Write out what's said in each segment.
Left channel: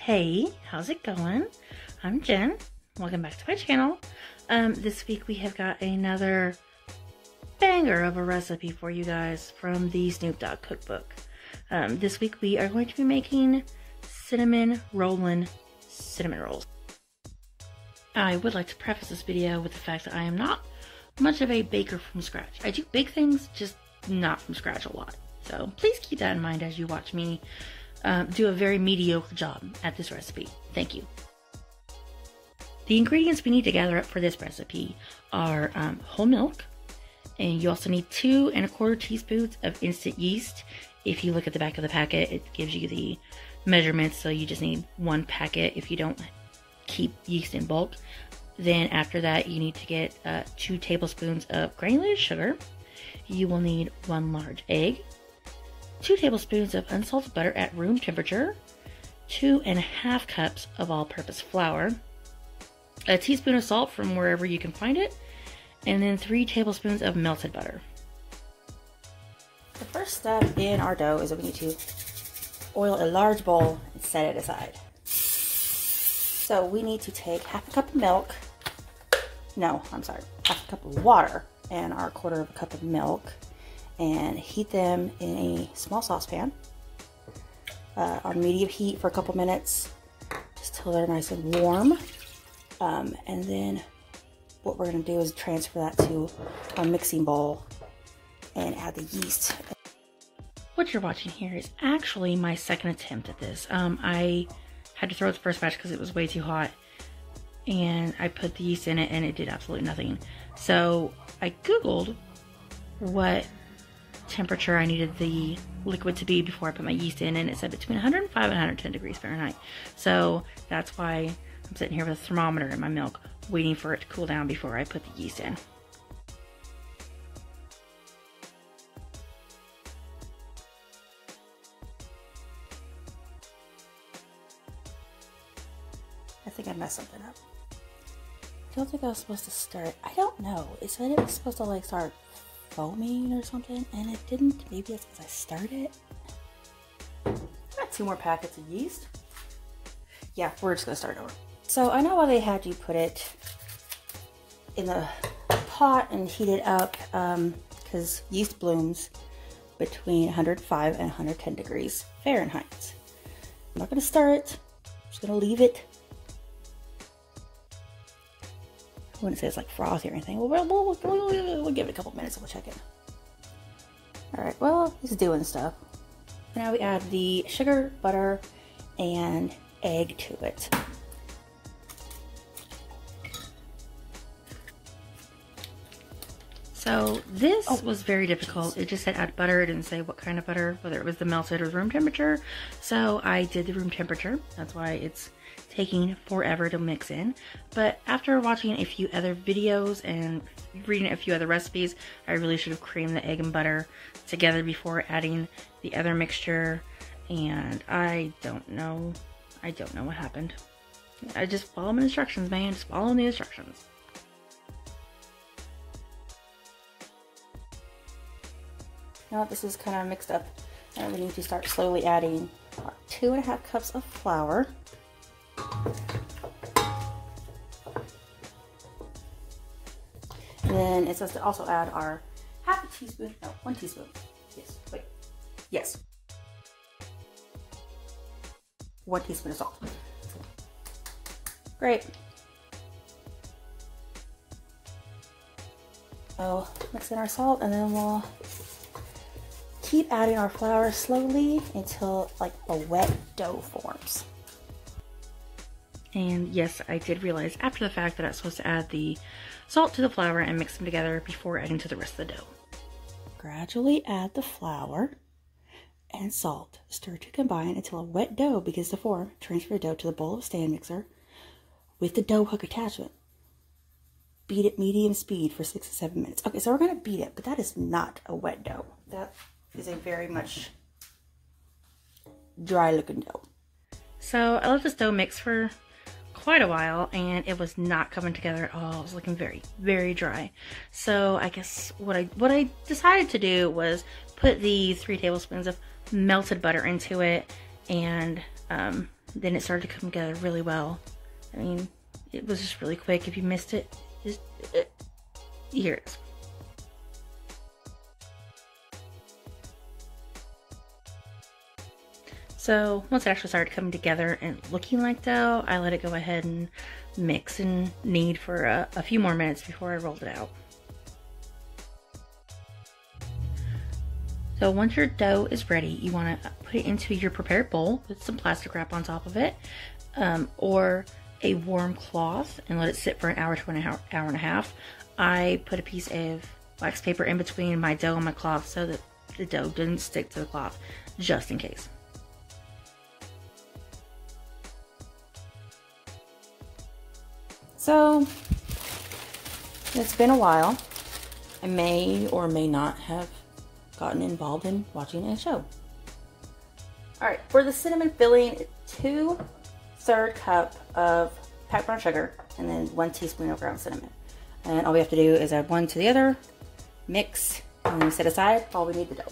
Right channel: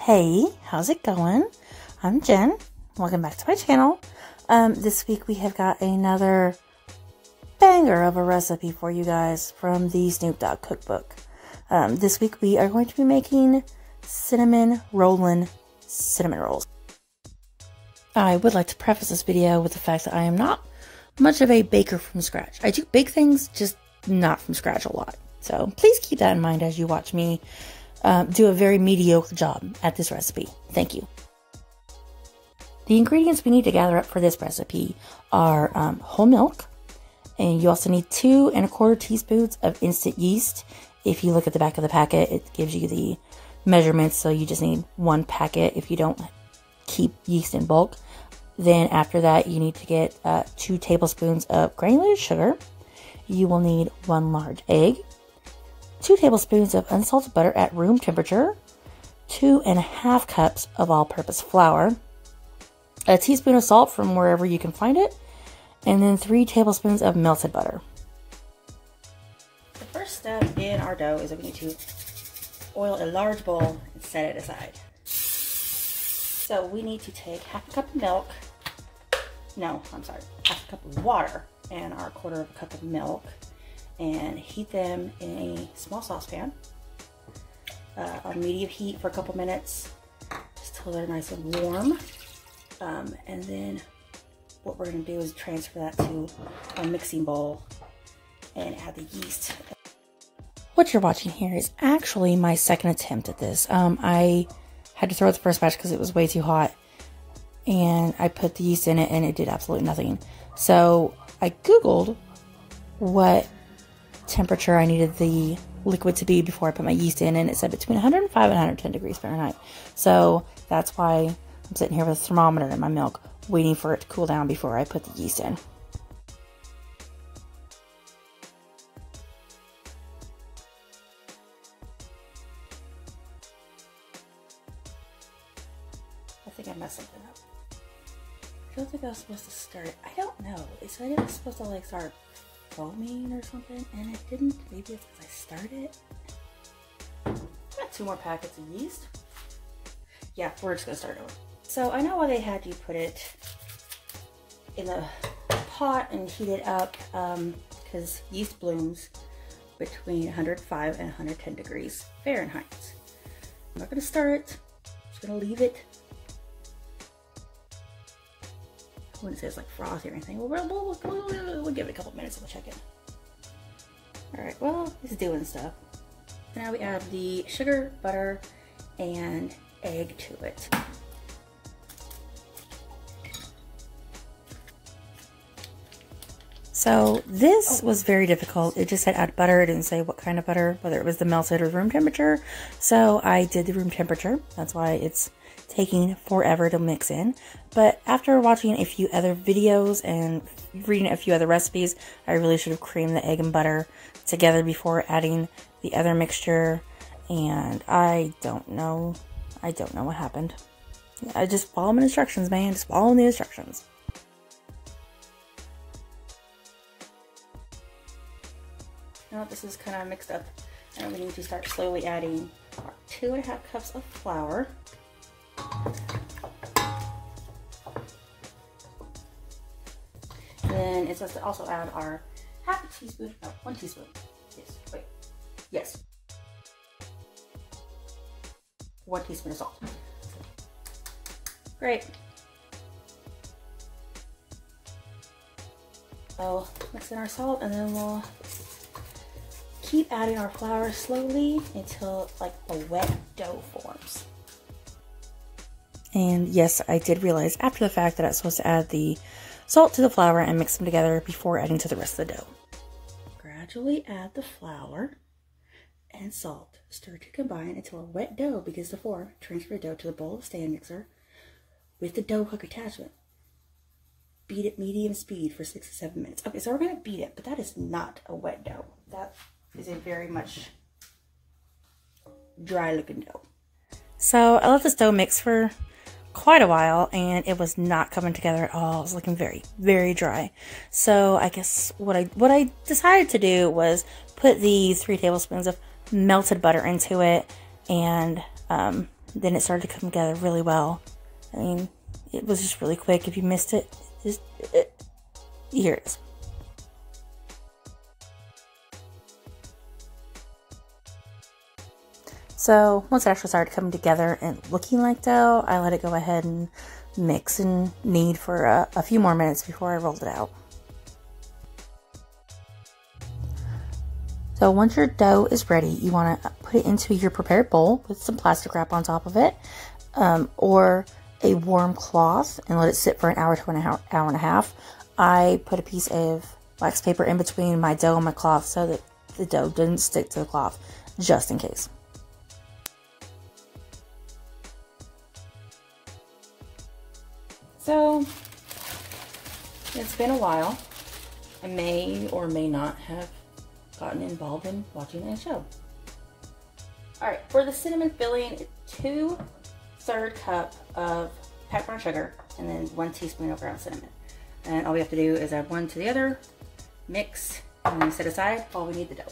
Hey, how's it going? I'm Jen. Welcome back to my channel. This week we have got another banger of a recipe for you guys from the Snoop Dogg cookbook. This week we are going to be making cinnamon Rollin cinnamon rolls. I would like to preface this video with the fact that I am not much of a baker from scratch. I do bake things, just not from scratch a lot. So please keep that in mind as you watch me do a very mediocre job at this recipe. Thank you. The ingredients we need to gather up for this recipe are whole milk, and you also need 2 1/4 teaspoons of instant yeast. If you look at the back of the packet, it gives you the measurements, so you just need 1 packet if you don't keep yeast in bulk. Then after that, you need to get 2 tablespoons of granulated sugar. You will need 1 large egg, 2 tablespoons of unsalted butter at room temperature, 2 1/2 cups of all-purpose flour, a teaspoon of salt from wherever you can find it, and then 3 tablespoons of melted butter. The first step in our dough is that we need to oil a large bowl and set it aside. So we need to take 1/2 cup of milk, no, I'm sorry, 1/2 cup of water and our 1/4 cup of milk, and heat them in a small saucepan on medium heat for a couple minutes, just till they're nice and warm. And then what we're going to do is transfer that to a mixing bowl and add the yeast. What you're watching here is actually my second attempt at this. I had to throw out the first batch because it was way too hot, and I put the yeast in it and it did absolutely nothing. So I googled what temperature I needed the liquid to be before I put my yeast in, and it said between 105 and 110 degrees Fahrenheit. So that's why I'm sitting here with a thermometer in my milk, waiting for it to cool down before I put the yeast in. I think I messed something up. I don't think I was supposed to stir it. I don't know. It said it was supposed to like start foaming or something, and it didn't. Maybe it's because I stirred it. I got 2 more packets of yeast. Yeah, we're just gonna start over. So I know why they had you put it in the pot and heat it up, because yeast blooms between 105 and 110 degrees Fahrenheit. I'm not gonna stir it. I'm just gonna leave it. I wouldn't say it's like frothy or anything. We'll give it a couple minutes and we'll check it. Alright, well, it's doing stuff. Now we add the sugar, butter, and egg to it. So this was very difficult. It just said add butter. It didn't say what kind of butter, whether it was the melted or room temperature. So I did the room temperature. That's why it's taking forever to mix in. But after watching a few other videos and reading a few other recipes, I really should have creamed the egg and butter together before adding the other mixture. And I don't know what happened. I just follow my instructions, man. Just follow the instructions. Now that this is kind of mixed up, and we need to start slowly adding our 2 1/2 cups of flour. And then it says to also add our 1/2 teaspoon, no, 1 teaspoon. Yes, wait, yes. 1 teaspoon of salt. Great. So mix in our salt, and then we'll keep adding our flour slowly until like a wet dough forms. And yes, I did realize after the fact that I was supposed to add the salt to the flour and mix them together before adding to the rest of the dough. Gradually add the flour and salt. Stir to combine until a wet dough begins to form. Transfer the dough to the bowl of stand mixer with the dough hook attachment. Beat at medium speed for 6 to 7 minutes. Okay, so we're going to beat it, but that is not a wet dough. That is a very much dry looking dough. So I let this dough mix for quite a while, and it was not coming together at all. It was looking very, very dry. So I guess what I decided to do was put the 3 tablespoons of melted butter into it, and then it started to come together really well. I mean, it was just really quick. If you missed it, here it is. So once it actually started coming together and looking like dough, I let it go ahead and mix and knead for a few more minutes before I rolled it out. So once your dough is ready, you want to put it into your prepared bowl with some plastic wrap on top of it, or a warm cloth, and let it sit for an hour to an hour and a half. I put a piece of wax paper in between my dough and my cloth so that the dough didn't stick to the cloth, just in case. So it's been a while. I may or may not have gotten involved in watching a show. Alright, for the cinnamon filling, 2/3 cup of packed brown sugar and then 1 teaspoon of ground cinnamon. And all we have to do is add one to the other, mix, and then set aside while we knead the dough.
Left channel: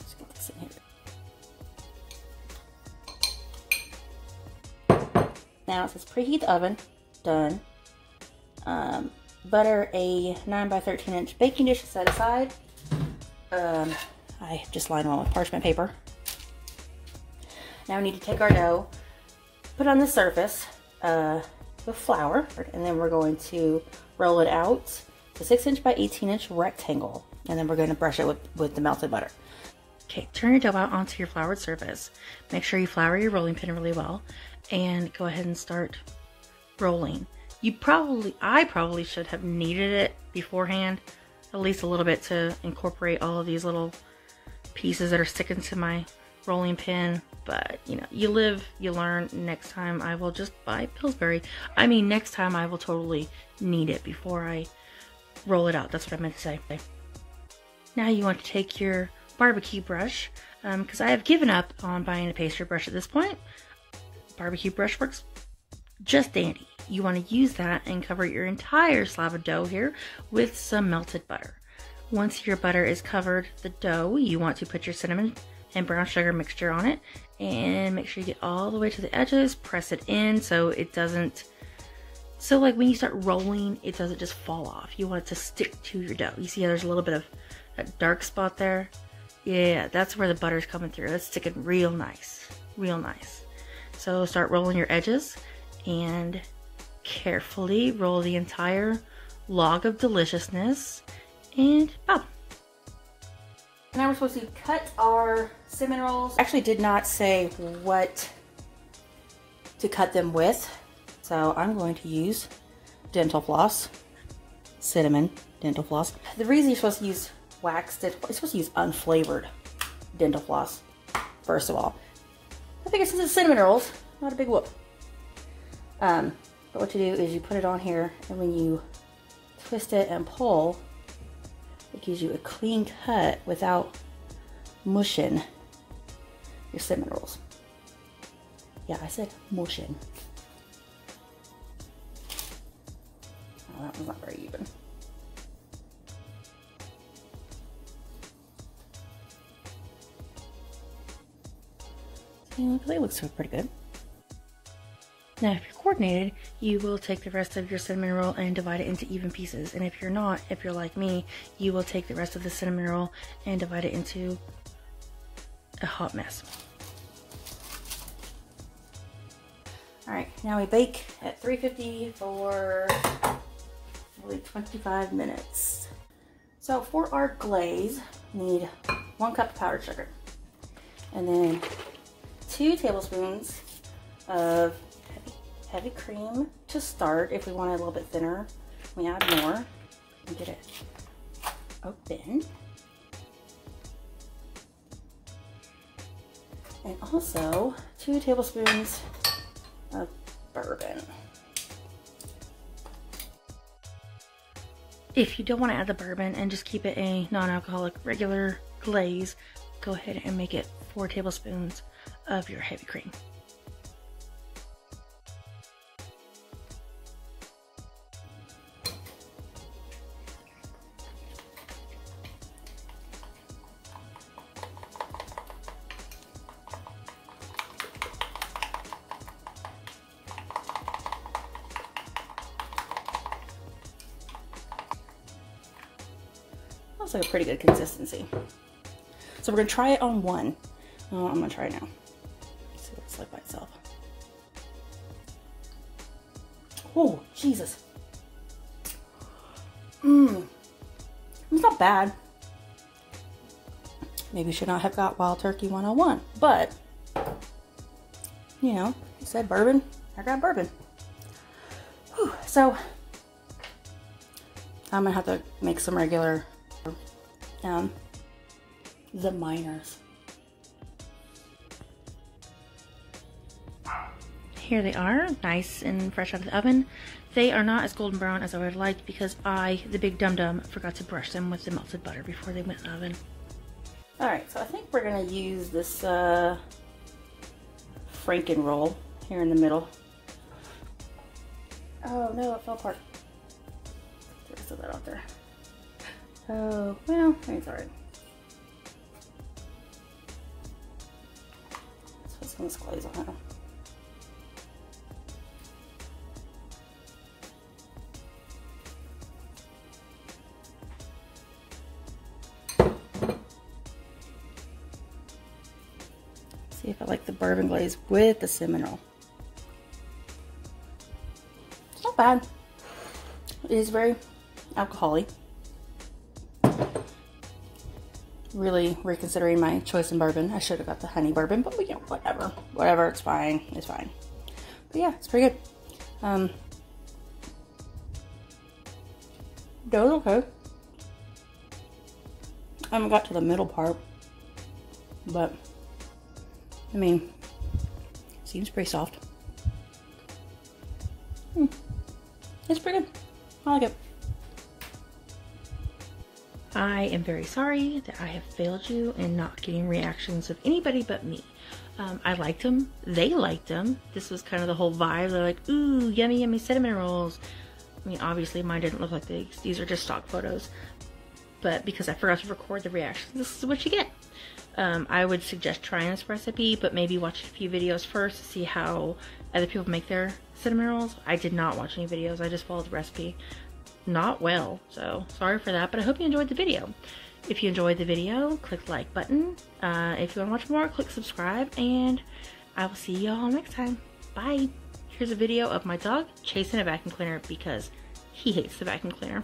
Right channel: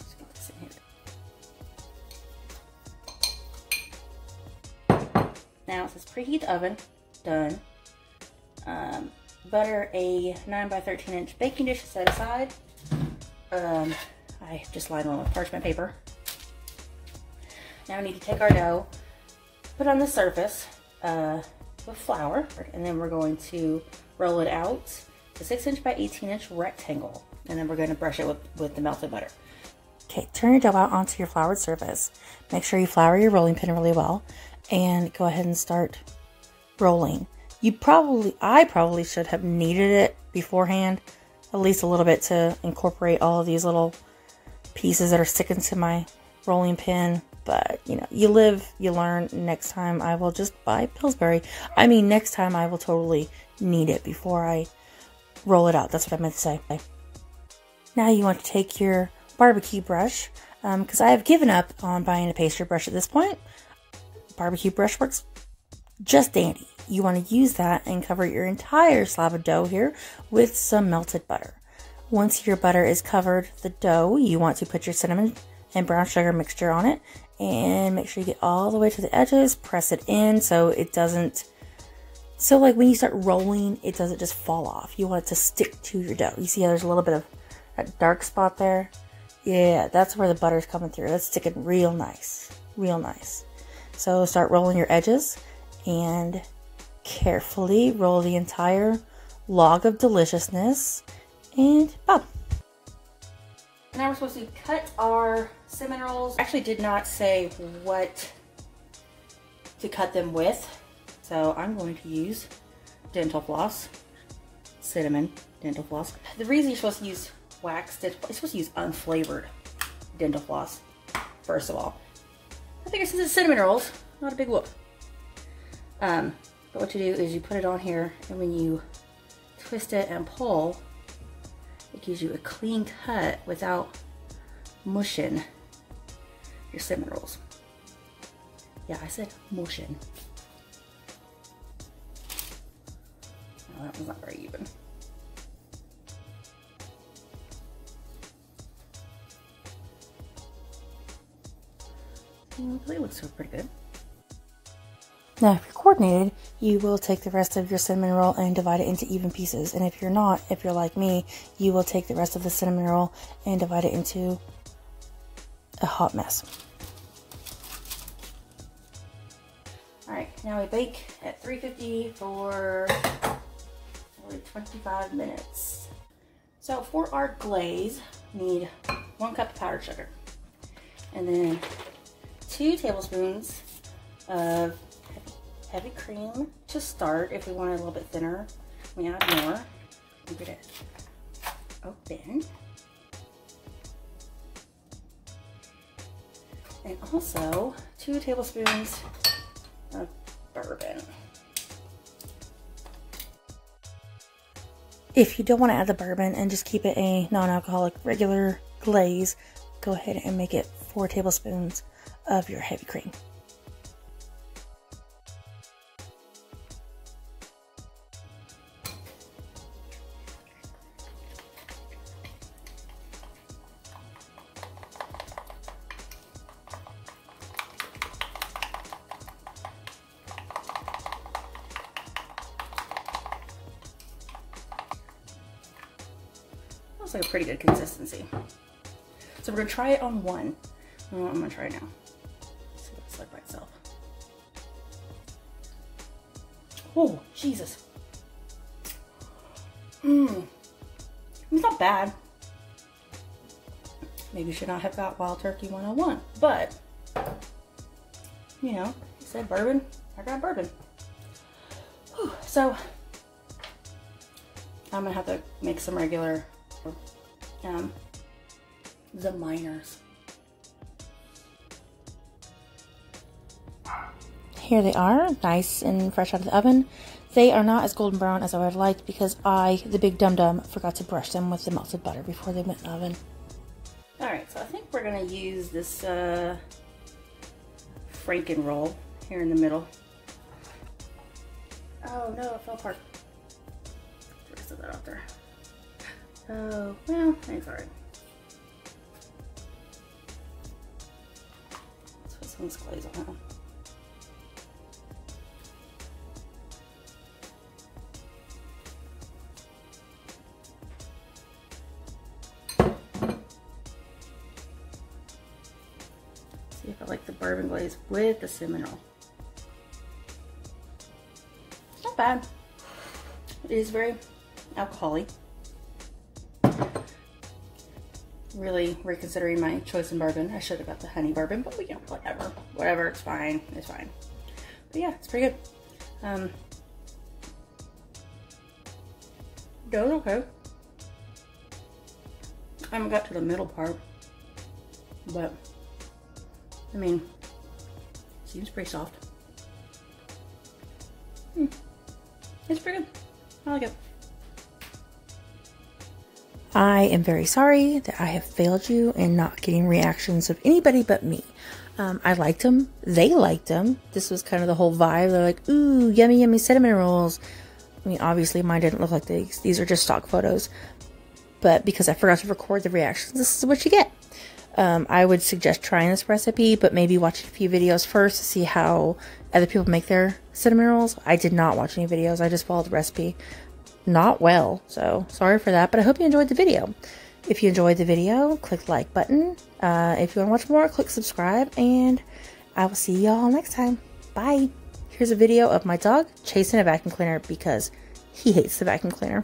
Just get this in here. Now it says preheat the oven. Done. Butter a 9 by 13 inch baking dish to set aside. I just lined one with parchment paper. Now we need to take our dough, put it on the surface with flour, and then we're going to roll it out to 6 inch by 18 inch rectangle, and then we're going to brush it with the melted butter. Okay, turn your dough out onto your floured surface. Make sure you flour your rolling pin really well, and go ahead and start rolling. I probably should have kneaded it beforehand, at least a little bit, to incorporate all of these little pieces that are sticking to my rolling pin. But you know, you live, you learn. Next time I will just buy Pillsbury. I mean, next time I will totally knead it before I roll it out. That's what I meant to say. Now you want to take your barbecue brush, because I have given up on buying a pastry brush at this point. Barbecue brush works just dandy. You want to use that and cover your entire slab of dough here with some melted butter. Once your butter is covered the dough, you want to put your cinnamon and brown sugar mixture on it, and make sure you get all the way to the edges. Press it in so it doesn't, so like when you start rolling, it doesn't just fall off. You want it to stick to your dough. You see how there's a little bit of that dark spot there? Yeah, that's where the butter's coming through. That's sticking real nice, real nice. So start rolling your edges and carefully roll the entire log of deliciousness, and boom. Now we're supposed to cut our cinnamon rolls. Actually did not say what to cut them with, so I'm going to use dental floss, cinnamon dental floss. The reason you're supposed to use wax, you're supposed to use unflavored dental floss, first of all. I figure since it's cinnamon rolls, not a big whoop. But what you do is you put it on here, and when you twist it and pull, it gives you a clean cut without mushing your cinnamon rolls. Yeah, I said mushing. Oh, that one's not very even. They look so pretty good. Now, if you're coordinated, you will take the rest of your cinnamon roll and divide it into even pieces. And if you're not, if you're like me, you will take the rest of the cinnamon roll and divide it into a hot mess. Alright, now we bake at 350 for probably 25 minutes. So for our glaze, we need 1 cup of powdered sugar. And then 2 tablespoons of heavy cream to start. If we want it a little bit thinner, we add more and get it open. And also 2 tablespoons of bourbon. If you don't want to add the bourbon and just keep it a non-alcoholic regular glaze, go ahead and make it 4 tablespoons of your heavy cream. looks like a pretty good consistency. So we're gonna try it on one. Oh, I'm gonna try it now. See what it's like by itself. Oh, Jesus. It's not bad. Maybe should not have got Wild Turkey 101, but you know, I said bourbon, I got bourbon. Whew. So I'm gonna have to make some regular the minors. Here they are, nice and fresh out of the oven. They are not as golden brown as I would have liked because I, the big dum-dum, forgot to brush them with the melted butter before they went in the oven. Alright, so I think we're going to use this Franken roll here in the middle. Oh no, it fell apart. Should have set that out there. Oh, well, it's alright. Let's put some of this glaze on it. See if I like the bourbon glaze with the cinnamon roll. It's not bad. It is very alcoholic. Really reconsidering my choice in bourbon. I should have got the honey bourbon, but you know, whatever. Whatever, it's fine. It's fine. But yeah, it's pretty good. Dough is okay. I haven't got to the middle part, but I mean, seems pretty soft. It's pretty good. I like it. I am very sorry that I have failed you in not getting reactions of anybody but me. I liked them. They liked them. This was kind of the whole vibe. They're like, ooh, yummy, yummy cinnamon rolls. I mean, obviously mine didn't look like these. These are just stock photos. But because I forgot to record the reactions, this is what you get. I would suggest trying this recipe, but maybe watch a few videos first to see how other people make their cinnamon rolls. I did not watch any videos. I just followed the recipe. Not well, so sorry for that, but I hope you enjoyed the video. If you enjoyed the video, click the like button. If you want to watch more, click subscribe, and I will see y'all next time. Bye. Here's a video of my dog chasing a vacuum cleaner because he hates the vacuum cleaner.